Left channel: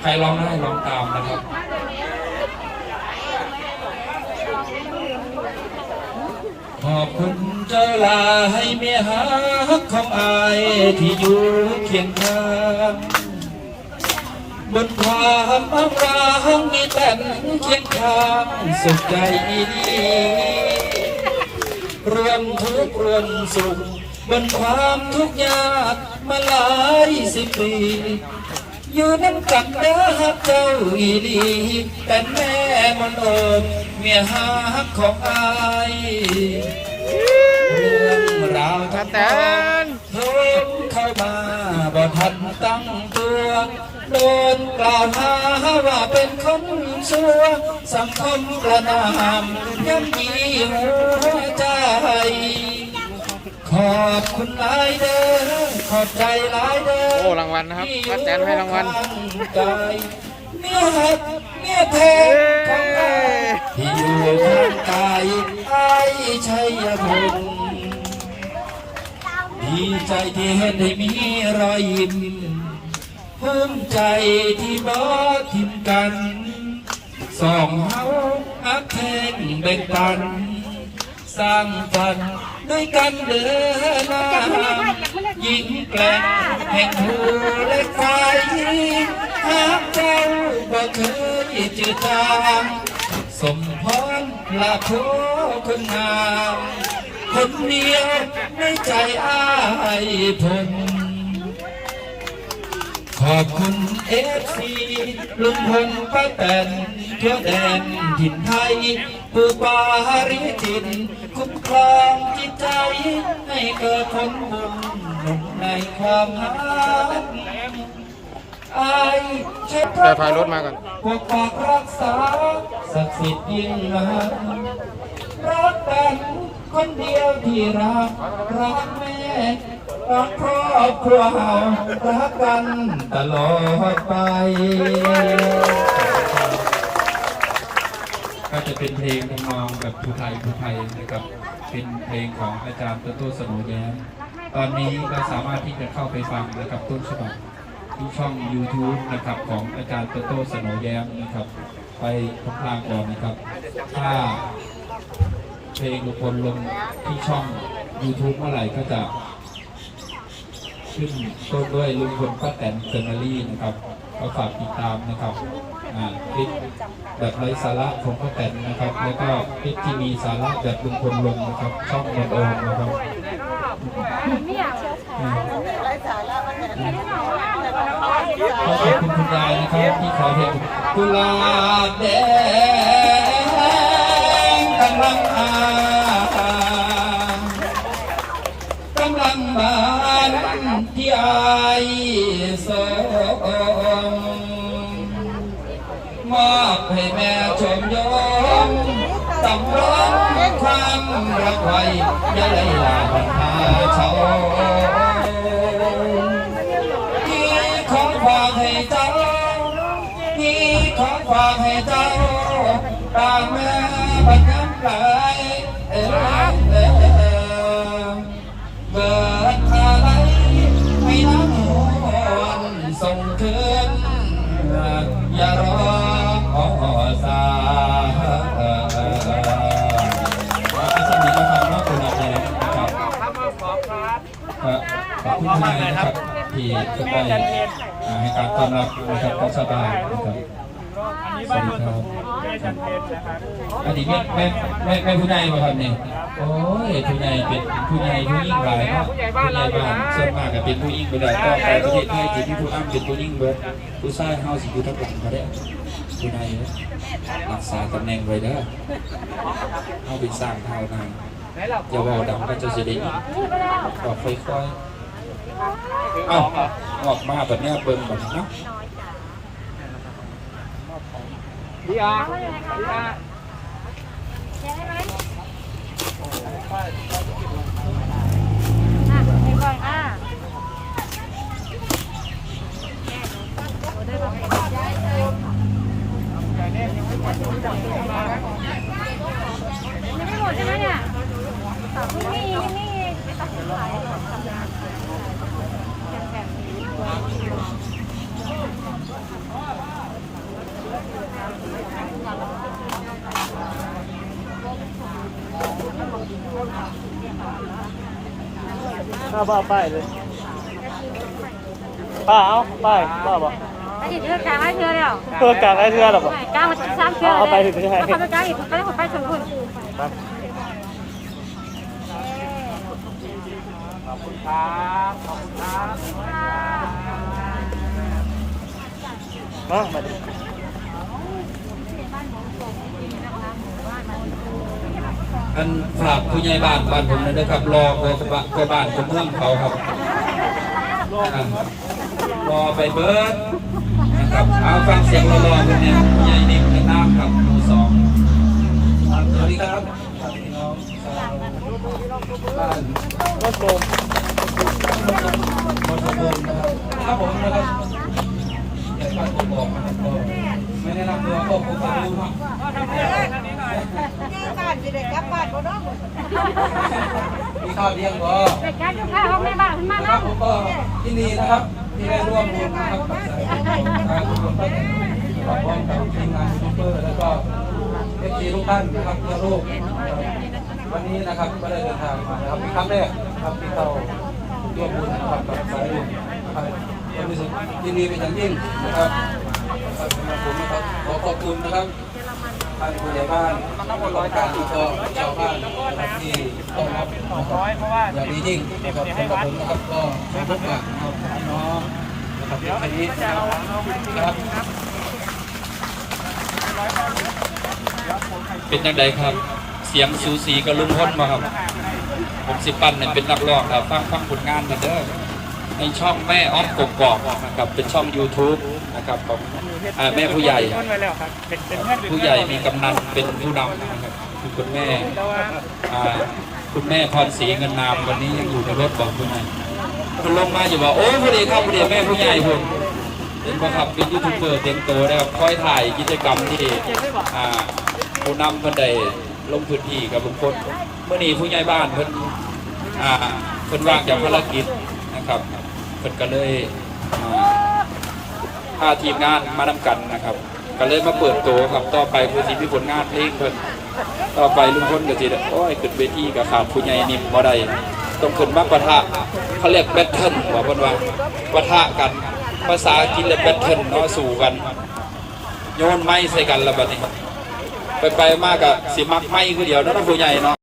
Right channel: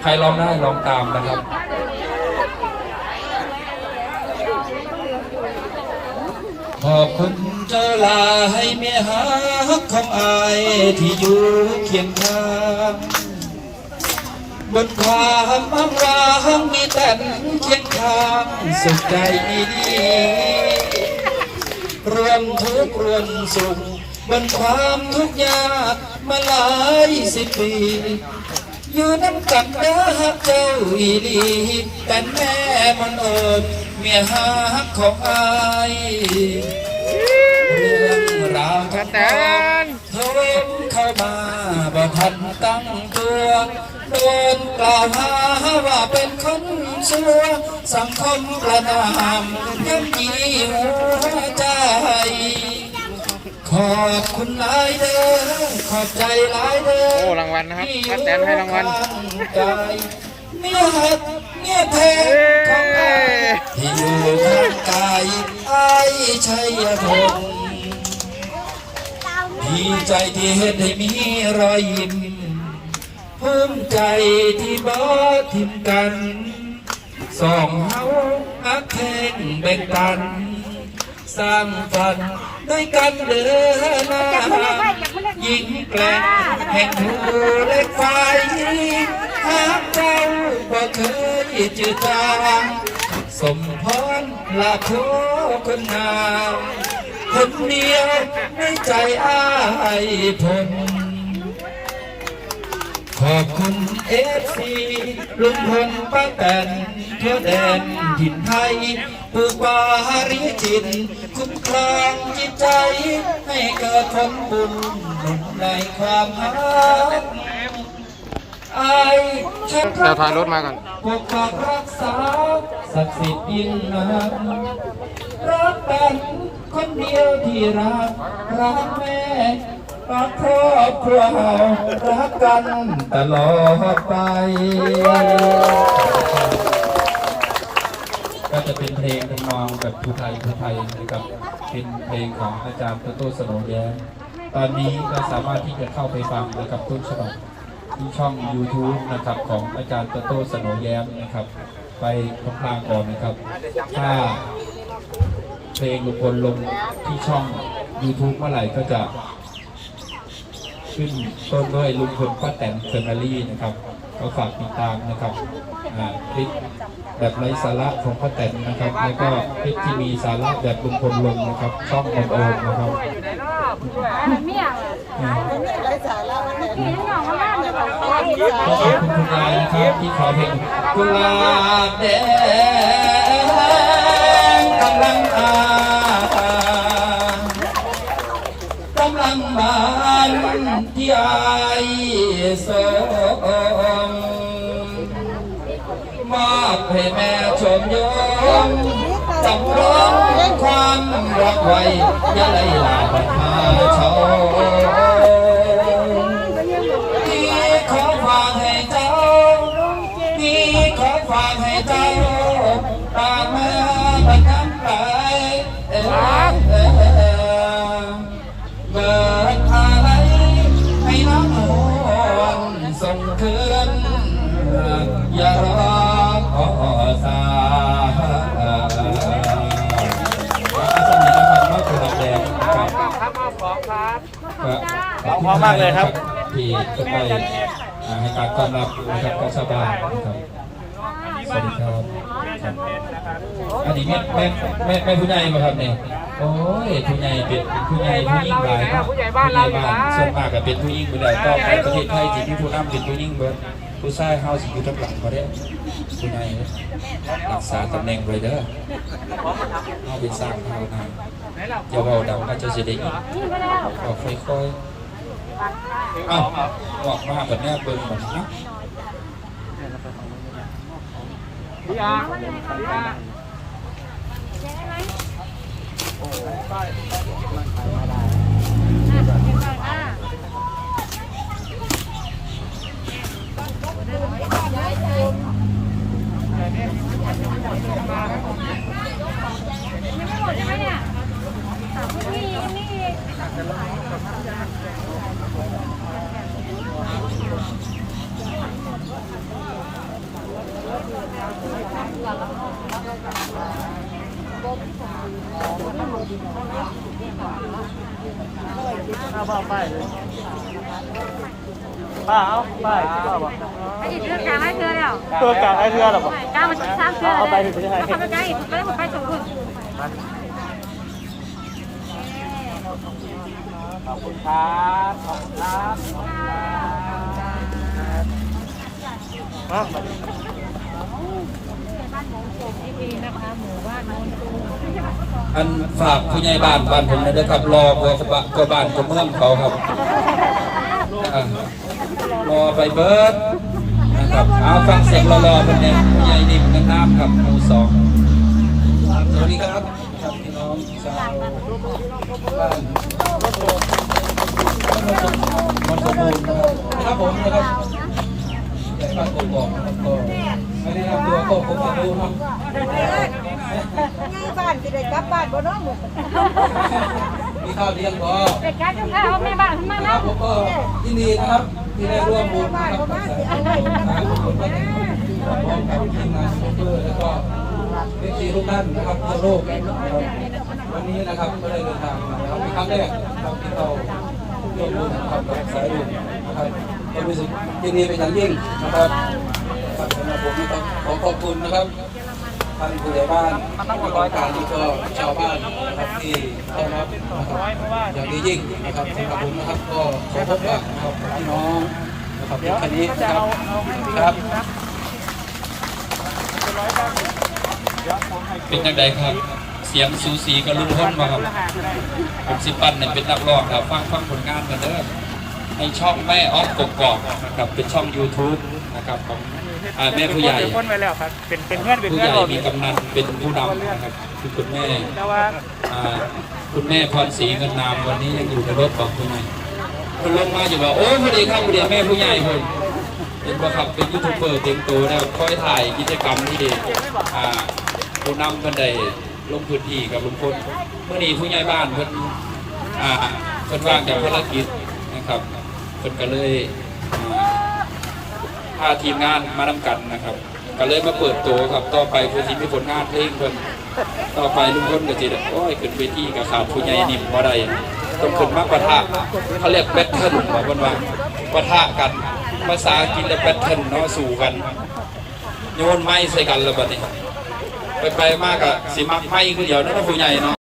ใครร้องได้ร้องตามนะครับขอบคุณเจ้าลาให้เมียฮักของอายที่อยู่เคียงข้างบนความอำรางมีแต่เคียงข้างสุขใจดีรวมทุกข์รวมสุข บนความทุกข์ยากมาหลายสิบปีอยู่น้ำกันเด้อฮักเจ้าอีดีแต่แม่มนโอบเมียฮักของอายเรื่องราวทั้งหมดเพิ่มเข้ามาบ่ทันตั้งตัวโดนกล่าวหาว่าเป็นคนชั่วสังคมกระนำยังมีหัวใจ อบคุณหลายเด้อขอบใจหลายเด้อโอ้รางวัลนะครับป้าแตนให้รางวัลกายเมียหักเมียแท้ของอายที่อยู่ข้างกายไอ้ายชัยพงศ์ดีใจที่เห็นให้มีรอยยิ้มภูมิใจที่บ่ทิ้มกันสองเฮาอักแทงแบ่งปัน สร้างฝัน ด้วยกันเดินหน้ายิงแกล้งแห่งหูเล็กไฟหากเจ้าบ่เคยจืดจางสมพรลาโคคนงามคนเดียวในใจอ้ายผมขอบคุณเอฟซีลุงพลป้าแตนทั่วแดนถิ่นไทย ปูปาริจินคุ้มครองจิตใจ ให้เกิดผลบุญหนุนในความรักไอ้ชักเดี๋ยวถอยรถมาก่อนปกปักรักษาศักดิ์สิทธิ์ยิ่งนักรักเป็นคนเดียวที่รัก รักแม่รักครอบครัวเรารักกันตลอดไปก็ จะเป็นเพลงทำนองแบบภูไทยภูไทยนะครับเป็นเพลงของอาจารย์โตโต้สโนแย้มตอนนี้ก็สามารถที่จะเข้าไปฟังนะครับต้นฉบับที่ช่อง YouTube นะครับของอาจารย์โตโต้สโนแย้มนะครับ ไปพลางๆก่อนนะครับ ถ้าเพลงลุงพลลงที่ช่อง YouTube เมื่อไหร่ก็จะขึ้นต้นด้วยลุงพลป้าแตนเซอร์นารี่นะครับก็ฝากติดตามนะครับอ่าคลิป แบบไร้สาระของป้าแตนนะครับ แล้วก็คลิปที่มีสาระแบบลุงพลลงนะครับ ช่องนนโอมนะครับอะไรเมี่ยงอะขอะไรเมี่ยงไรสาระเมื่อกี้นี่หน่องมาบ้านจะบอกอะไรเมี่ยงต้องขอบคุณคุณยายนะครับ ที่ขอเพลงกุลาบแดงกำลังอากำลังบานที่ไอายส รักไว้ยาไลลาพันหาเชาพี่ขอฝากให้เจ้าพี่ขอฝากให้เจ้าตามมาบังคับไหลเออเออเบิกอะไรให้น้องหวนส่งคืนอย่ารอ ก็ขอบคุณมากเลยครับที่จะได้อ่าให้การต้อนรับนะครับของชาวบ้านนะครับสวัสดีครับครับอันนี้แม่แม่แม่แม่ผู้ใหญ่มาครับเนี่ยโอ้ยผู้ใหญ่เป็นผู้ใหญ่ผู้ยิ่งใหญ่เนาะผู้ใหญ่บ้านส่วนมากก็เป็นผู้ยิ่งไปแล้วต่อไปประเทศไทยที่มีผู้นำเป็นผู้ยิ่งเบิดผู้ชายเฮาสิอยู่ทางหลังก็ได้ผู้ใหญ่เด้อรักษาตำแหน่งไว้เด้อเฮาเป็นสร้างเท่านาน อย่าเว้าดังก็จะสิได้ยินก็แล้วก็ค่อยๆเอ้าออกมาแบบแม่เบิ่งแบบนาะแช่ไหมอะเดี๋ยวก่อนอะยังไม่หมดใช่ไหมเนี่ยนี่นี่ ป้าบอกป้ายเลยป้าเอาป้ายป้าบอกไอ้นี่เรื่องกลางให้เธอแล้วตัวกลางได้เทือหรอกกลางมันสามเธอเลยเขาไปกลางอีกเขาไปสองคนไปขอบคุณครับขอบคุณครับอะ อันฝากผู้ใหญ่บ้านบ้านผมเลยนะครับ รอกว่ากว่าบ้านกว่าเมืองเขาครับอ่ารอไปเบิร์ดนะครับเอาฟังเสียงรอๆเป็นเองผู้ใหญ่นิ่มในน้ำครับหมู่สองสวัสดีครับครับพี่น้องชาวบ้านวัดโบสถ์ครับผมนะครับ ใหญ่บ้านกบอกไม่ได้รับตัวก็คงจะรู้ครับบ้านสิเด็กกลับบ้านบ่นอนบ่มีข้าวเลี้ยงพอเด็กแค่ข้าวไม่บ้านะครับผมก็ยินดีนะครับที่ได้ร่วมบุญนะครับกับสายคนบ้านพร้อมกับทีมงานยูเบอร์แล้วก็เอฟซีทุกท่านนะครับทั่วโลกรับวันนี้นะครับก็ได้เดินทางมาครับเป็นครั้งแรกนะครับที่เราร่วมบุญกับสายบุญนะครับ ก็รู้สึกยินดีเป็นอย่างยิ่งนะครับสำหรับผมนะครับขอขอบคุณนะครับท่านผู้ใหญ่บ้านมันต้องร้อยเก้าสิบก็ชาวบ้านนะครับที่ต้อนรับนะครับอย่างนี้ยิ่งนะครับสำหรับผมนะครับก็ขอพักว่านะครับพี่น้องนะครับแค่นี้นะครับครับ เป็นยังไงครับ เสียงสูสีกับลุงพ้นมาครับผมสิปันเนี่ยเป็นนักร้องครับ ฟังฟังผลงานเหมือนเดิม ในช่องแม่อ้อมกกอกนะครับเป็นช่อง YouTube นะครับของอ่าแม่ผู้ใหญ่เป็นคนไว้แล้วครับเป็นเป็นเพื่อนเป็นผู้เพื่ใหอนญ่เรามีกำนันเป็นผู้นำนะครับคือคุณแม่แต่ว่าอ่าคุณแม่พรศรีเงินนามวันนี้ยังอยู่ในรถบอกคุณแม่คุณลงมาจะบอกโอ้ยพอดีครับพอดีแม่ผู้ใหญ่ผมเป็นประครับเป็นยูทูบเบอร์เต็มตัวแล้วคอยถ่ายกิจกรรมที่อ่าผู้นำคนใดลงพื้นที่กับลุงพลเมื่อนี้ผู้ใหญ่บ้านเพิ่นอ่าเพิ่นว่างจากภารกิจนะครับ เพิ่นก็เลยพาทีมงานมานำกันนะครับ ก็เลยมาเปิดตัวครับต่อไปเพื่อนสิมีผลงานเพลงเพิ่นต่อไปลุงพลก็สิได้โอ้ยขึ้นเวทีกับขาดผู้ใหญ่นิ่มบ่ได้ต้องขึ้นมาประทะเขาเรียกแบทเทิลว่าเพิ่นว่าประทะกันภาษาอังกฤษเลยแบทเทิลเนาะสู่กันโยนไม้ใส่กันแล้วบัดนี้ไปไปมากอะสิมักไม้คือเดียวเนาะผู้ใหญ่เนาะ